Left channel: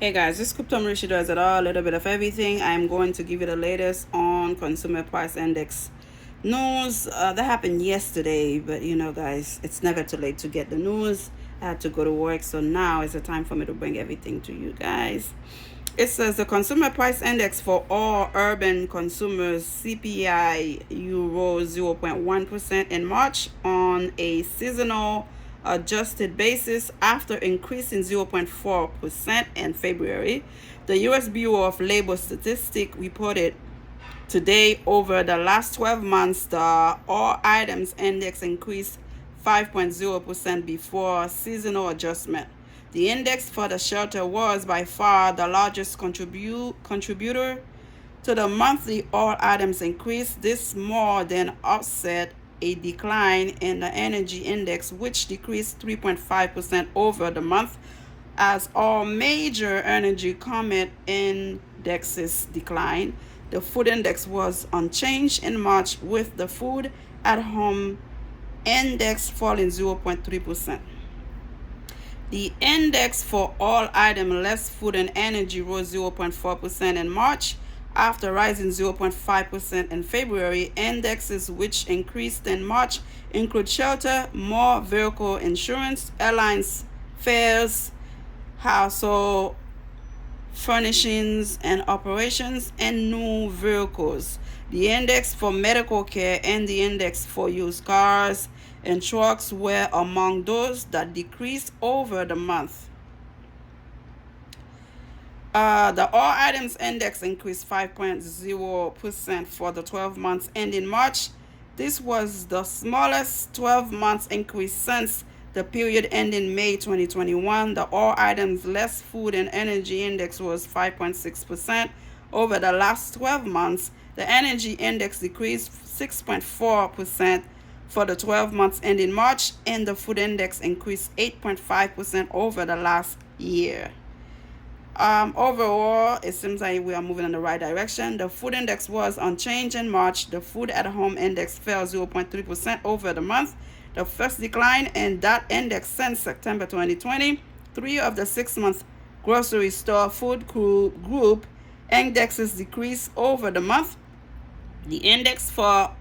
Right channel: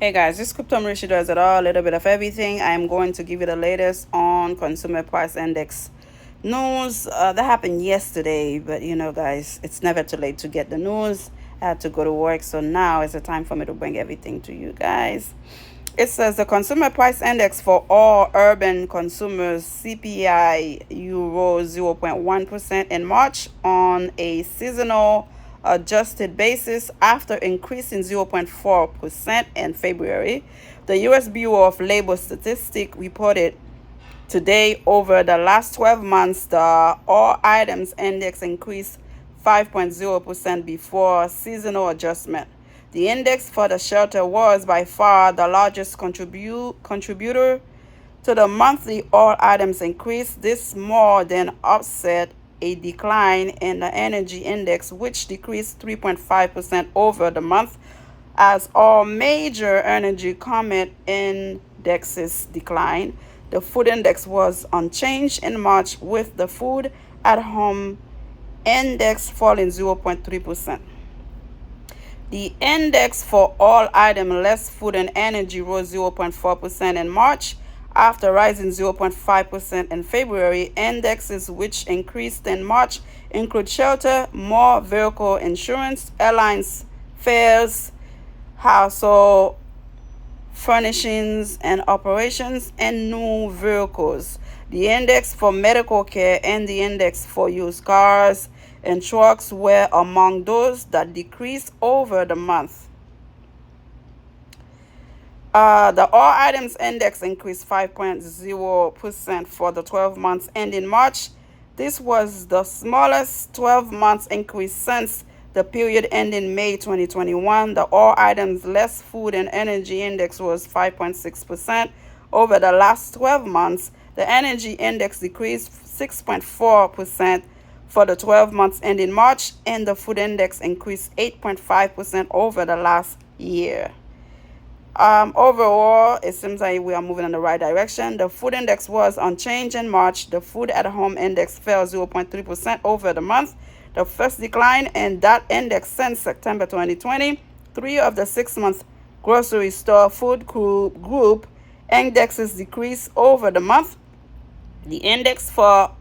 Hey guys, this is Crypto Mauricio does it all, a little bit of everything. I'm going to give you the latest on Consumer Price Index news. That happened yesterday, but guys, it's never too late to get the news. I had to go to work, so now is the time for me to bring everything to you guys. It says the Consumer Price Index for all urban consumers CPI rose 0.1% in March on a seasonal adjusted basis after increasing 0.4% in February. The U.S. Bureau of Labor Statistics reported today over the last 12 months, the all items index increased 5.0% before seasonal adjustment. The index for the shelter was by far the largest contributor to the monthly all items increase. This more than offset a decline in the energy index, which decreased 3.5% over the month, as all major energy common indexes declined. The food index was unchanged in March, with the food at home index falling 0.3%. The index for all items less food and energy rose 0.4% in March after rising 0.5% in February. Indexes which increased in March include shelter, more vehicle insurance, airlines fares, household furnishings and operations, and new vehicles. The index for medical care and the index for used cars and trucks were among those that decreased over the month. The all items index increased 5.0% for the 12 months ending March. This was the smallest 12 months increase since the period ending May 2021. The all items less food and energy index was 5.6% over the last 12 months. The energy index decreased 6.4% for the 12 months ending March, and the food index increased 8.5% over the last year. Overall, it seems like we are moving in the right direction. The food index was unchanged in March. The food at home index fell 0.3% over the month, the first decline in that index since September 2020. 3 of the 6-month grocery store food group indexes decreased over the month. The index for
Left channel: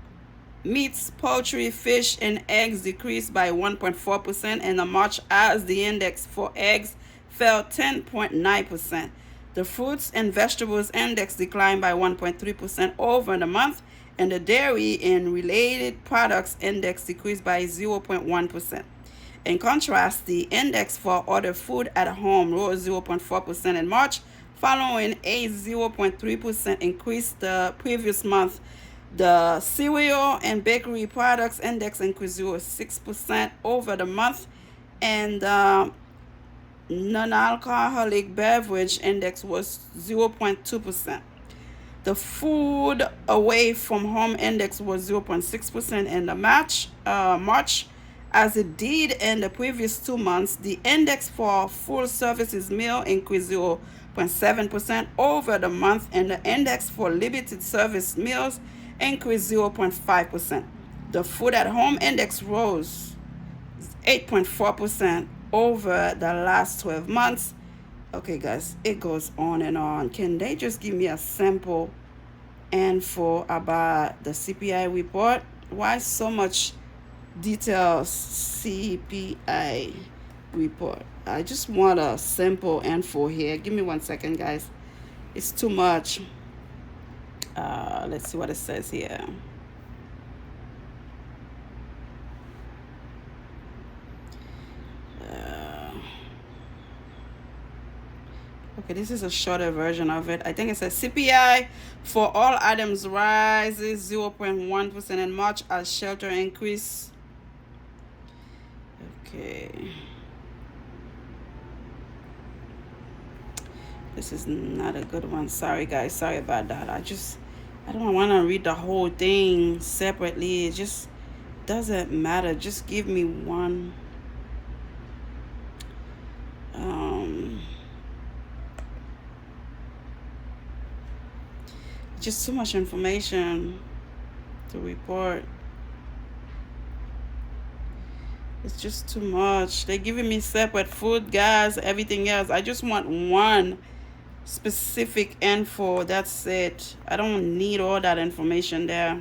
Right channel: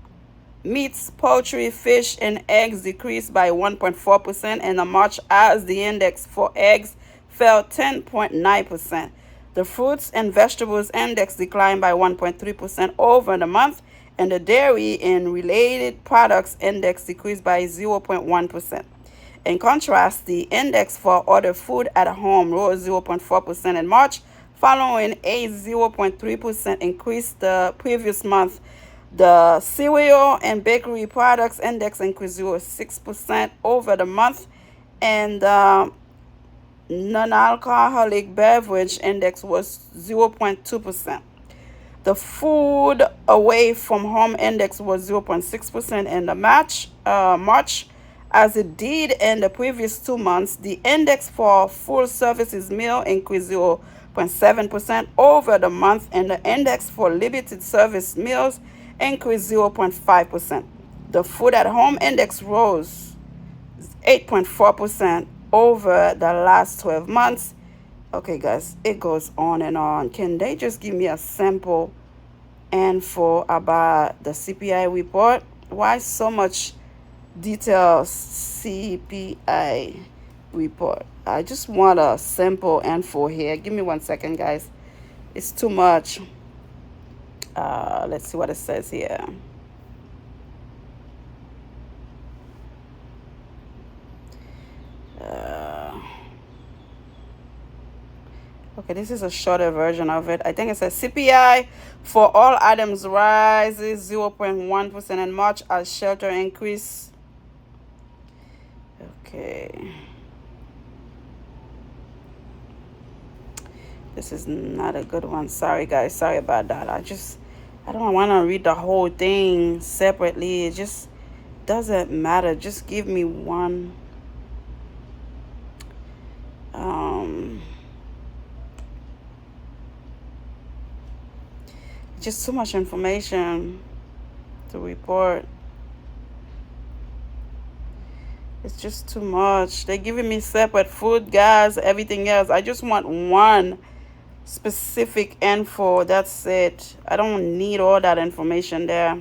meats, poultry, fish, and eggs decreased by 1.4% in March, as the index for eggs fell 10.9%. The fruits and vegetables index declined by 1.3% over the month, and the dairy and related products index decreased by 0.1%. In contrast, the index for other food at home rose 0.4% in March, following a 0.3% increase the previous month. The cereal and bakery products index increased 0.6% over the month, and non-alcoholic beverage index was 0.2%. The food away from home index was 0.6% in the March, as it did in the previous 2 months. The index for full services meal increased 0.7% over the month, and the index for limited service meals increased 0.5%. The food at home index rose 8.4% over the last 12 months. Okay, guys, it goes on and on. Can they just give me a simple info about the CPI report? Why so much details CPI report? I just want a simple info here. Give me 1 second, guys. It's too much. Let's see what it says here. Okay, this is a shorter version of it. I think it says CPI for all items rises 0.1% in March as shelter increase. Okay. This is not a good one. Sorry, guys. Sorry about that. I don't want to read the whole thing separately. It just doesn't matter. Just give me one. Just too much information to report. It's just too much. They're giving me separate food, gas, everything else. I just want one specific info. That's it. I don't need all that information there.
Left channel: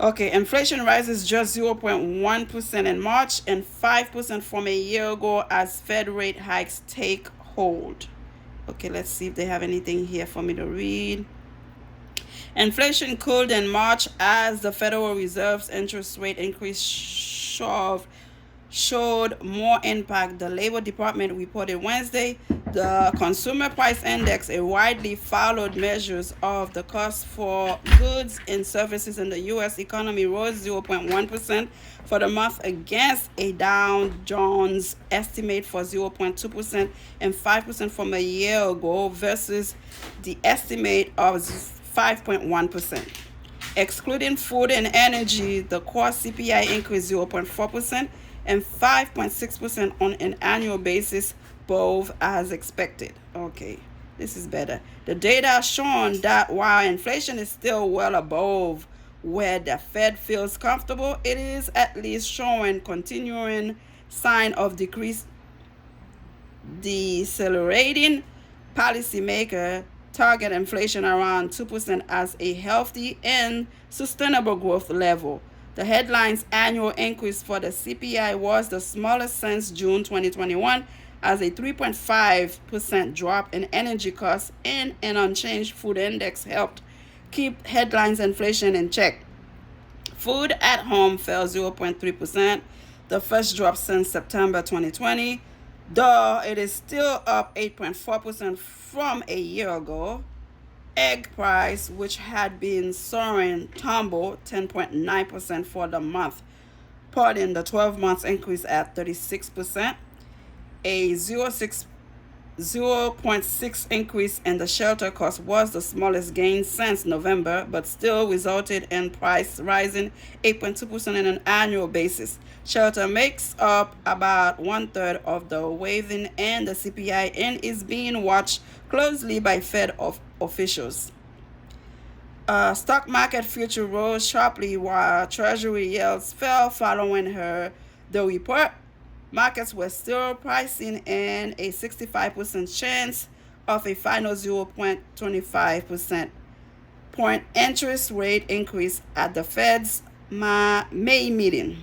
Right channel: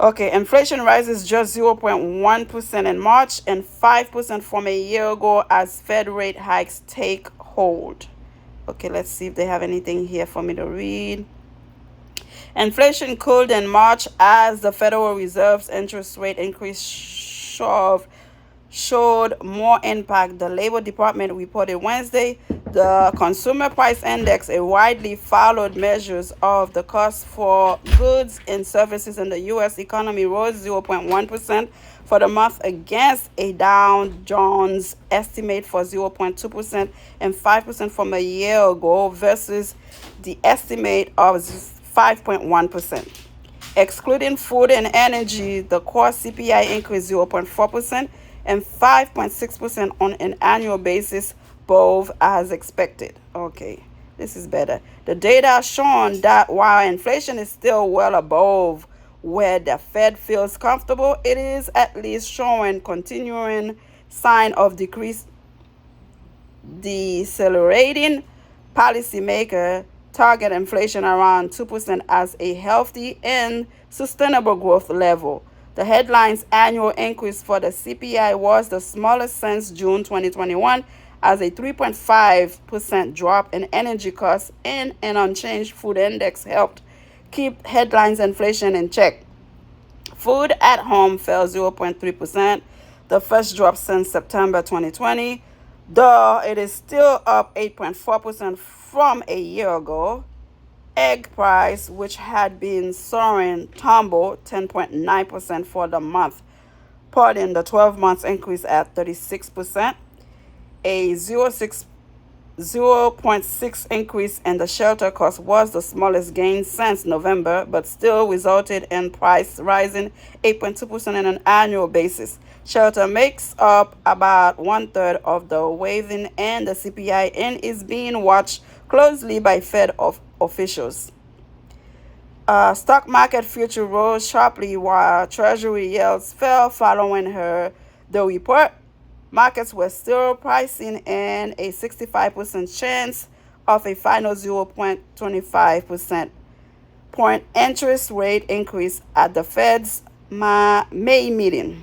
Okay, inflation rises just 0.1% in March and 5% from a year ago as Fed rate hikes take hold. Okay, let's see if they have anything here for me to read. Inflation cooled in March as the Federal Reserve's interest rate increase showed more impact. The Labor Department reported Wednesday the Consumer Price Index, a widely followed measure of the cost for goods and services in the U.S. economy, rose 0.1% for the month against a Dow Jones estimate for 0.2% and 5% from a year ago versus the estimate of 5.1%. Excluding food and energy, the core CPI increased 0.4% and 5.6% on an annual basis, both as expected. Okay, this is better. The data has shown that while inflation is still well above where the Fed feels comfortable, it is at least showing continuing sign of decrease. Decelerating policymaker target inflation around 2% as a healthy and sustainable growth level. The headline's annual increase for the CPI was the smallest since June 2021, as a 3.5% drop in energy costs and an unchanged food index helped keep headlines inflation in check. Food at home fell 0.3%, the first drop since September 2020, though it is still up 8.4% from a year ago. Egg price, which had been soaring, tumbled 10.9% for the month, putting the 12 months increase at 36%. A 0.6 increase in the shelter cost was the smallest gain since November, but still resulted in price rising 8.2% on an annual basis. Shelter makes up about 1/3 of the weighting in the CPI and is being watched closely by Fed officials. Stock market future rose sharply while Treasury yields fell following the report. Markets were still pricing in a 65% chance of a final 0.25% point interest rate increase at the Fed's May meeting,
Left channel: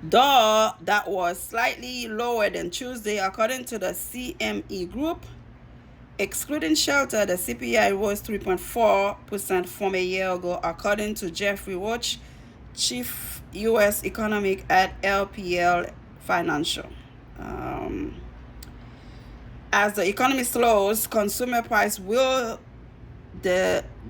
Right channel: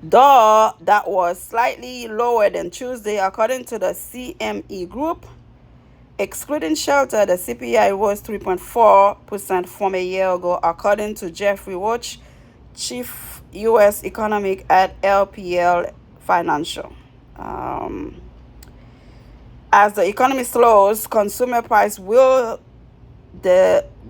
though that was slightly lower than Tuesday, according to the CME Group. Excluding shelter, the CPI rose 3.4% from a year ago, according to Jeffrey Roach, chief U.S. economic at LPL Financial. As the economy slows, consumer price will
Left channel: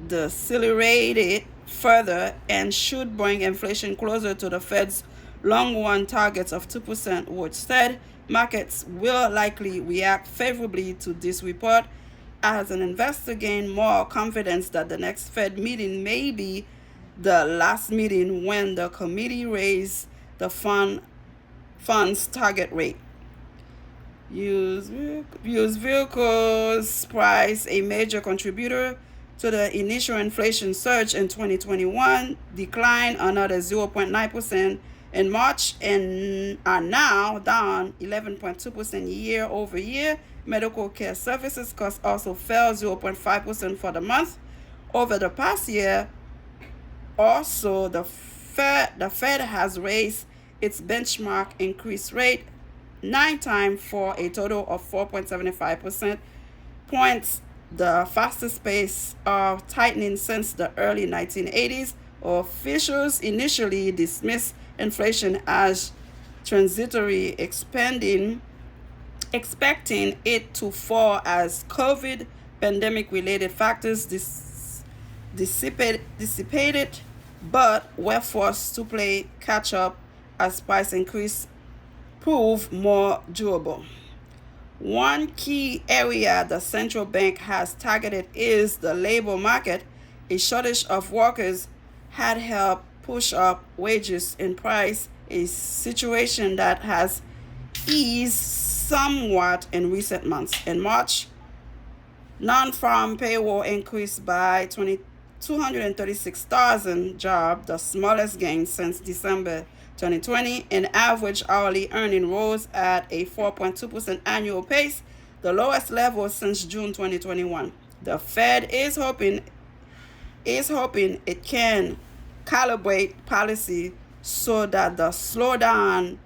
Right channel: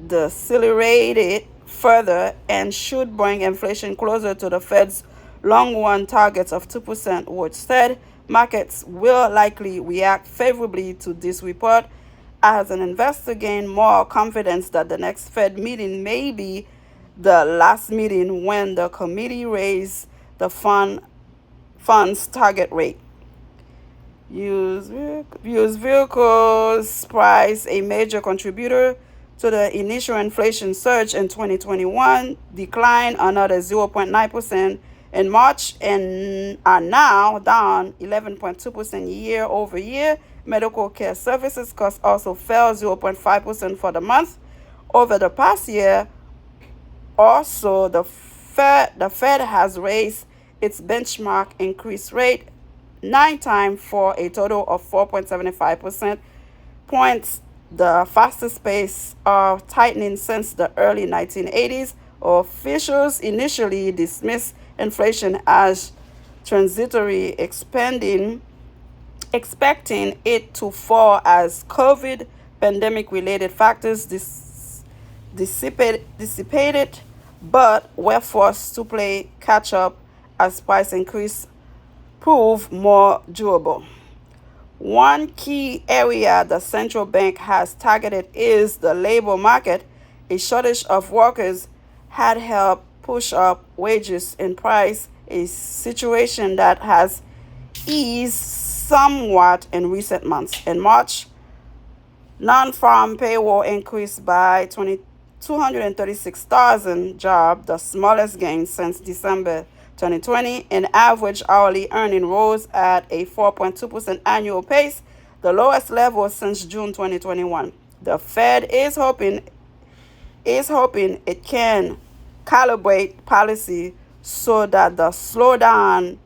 decelerate further and should bring inflation closer to the Fed's long-run targets of 2%, which said markets will likely react favorably to this report as an investor gain more confidence that the next Fed meeting may be the last meeting when the committee raised the fund's target rate. Used vehicles price, a major contributor to the initial inflation surge in 2021, declined another 0.9% in March and are now down 11.2% year over year. Medical care services costs also fell 0.5% for the month. Over the past year, also the Fed has raised its benchmark increase rate 9 times for a total of 4.75% points, the fastest pace of tightening since the early 1980s. Officials initially dismissed inflation as transitory, expecting it to fall as COVID pandemic-related factors dissipated, but were forced to play catch-up as price increase prove more durable. One key area the central bank has targeted is the labor market. A shortage of workers had helped push up wages and price, a situation that has eased somewhat in recent months. In March, non-farm payroll increased by 236,000 jobs, the smallest gain since December 2020, and average hourly earning rose at a 4.2% annual pace, the lowest level since June 2021. The Fed is hoping it can calibrate policy so that the slowdown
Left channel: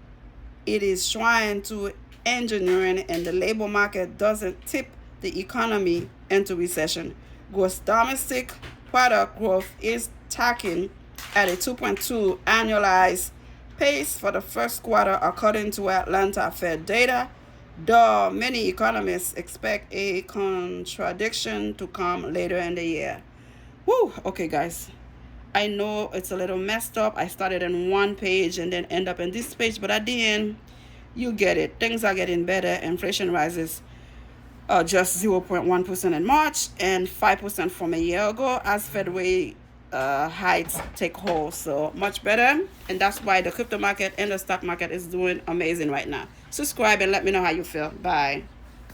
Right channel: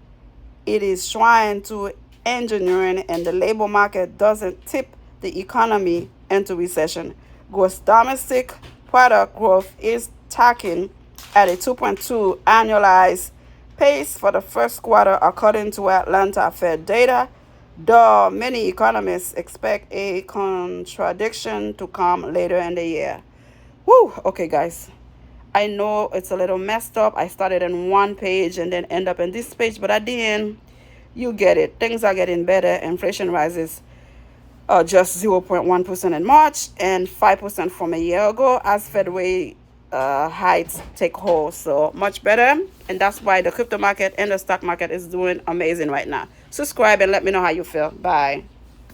it is trying to engineering in the labor market doesn't tip the economy into recession. Gross domestic product growth is tracking at a 2.2 annualized pace for the first quarter, according to Atlanta Fed data, though many economists expect a contradiction to come later in the year. Woo! Okay, guys. I know it's a little messed up. I started on one page and then end up in this page, but at the end, you get it. Things are getting better. Inflation rises just 0.1% in March and 5% from a year ago as Fed rate heights take hold. So much better. And that's why the crypto market and the stock market is doing amazing right now. Subscribe and let me know how you feel. Bye.